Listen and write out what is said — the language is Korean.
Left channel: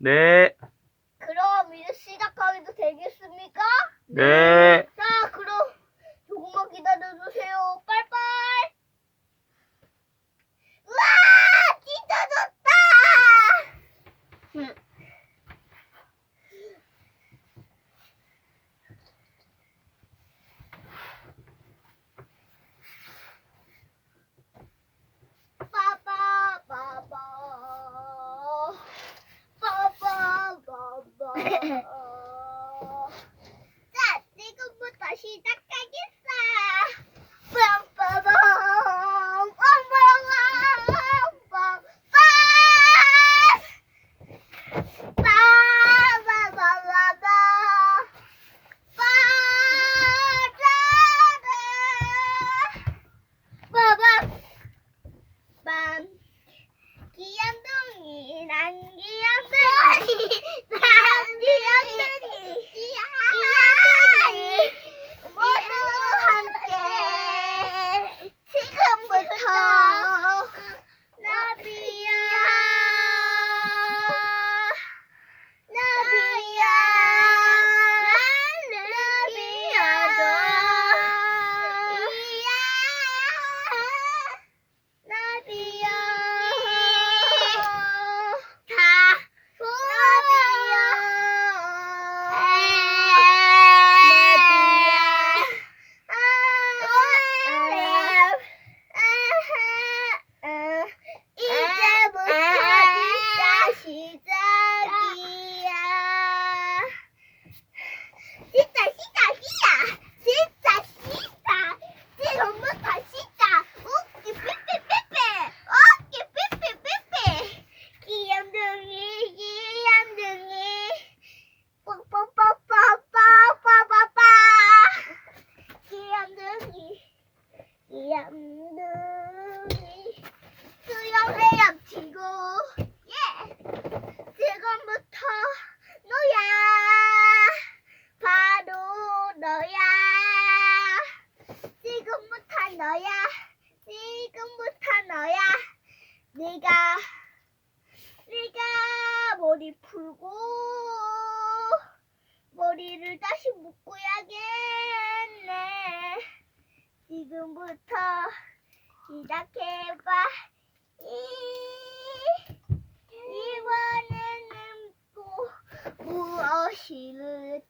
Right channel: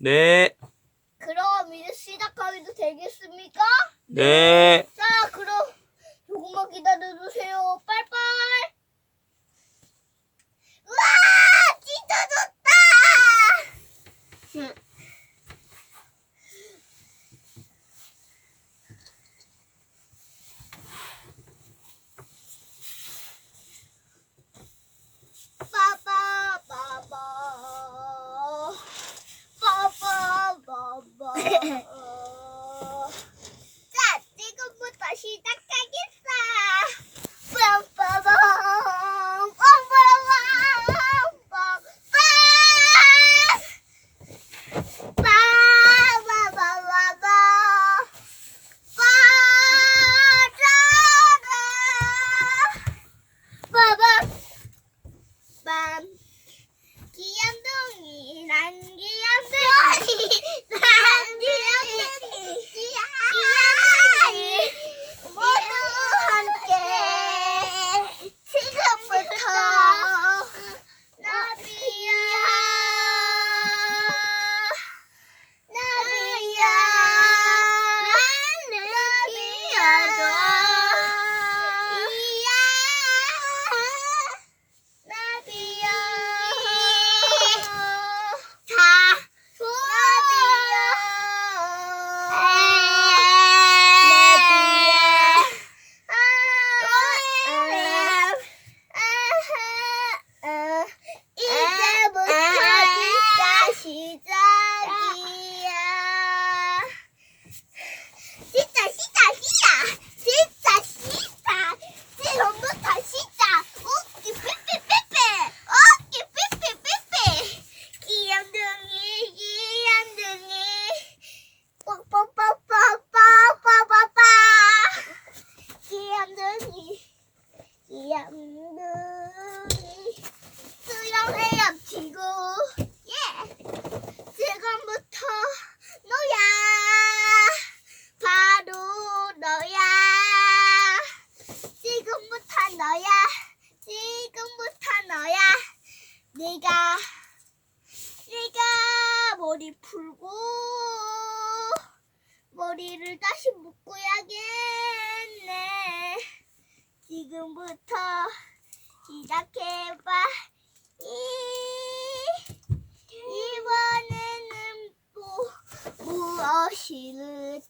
네. 그럼 이제 시작하기도 되겠습니까? 네. 귀염둥이 난 귀염둥이 난 귀염둥이 모두 함께 지금부터 나비야 Alice. 너야. 지금부터 너야. 네가 네가 머리 풀고 머리를 다시 묶어야겠네. 지금부터 시작해봐. 이 이번에는 또 무엇을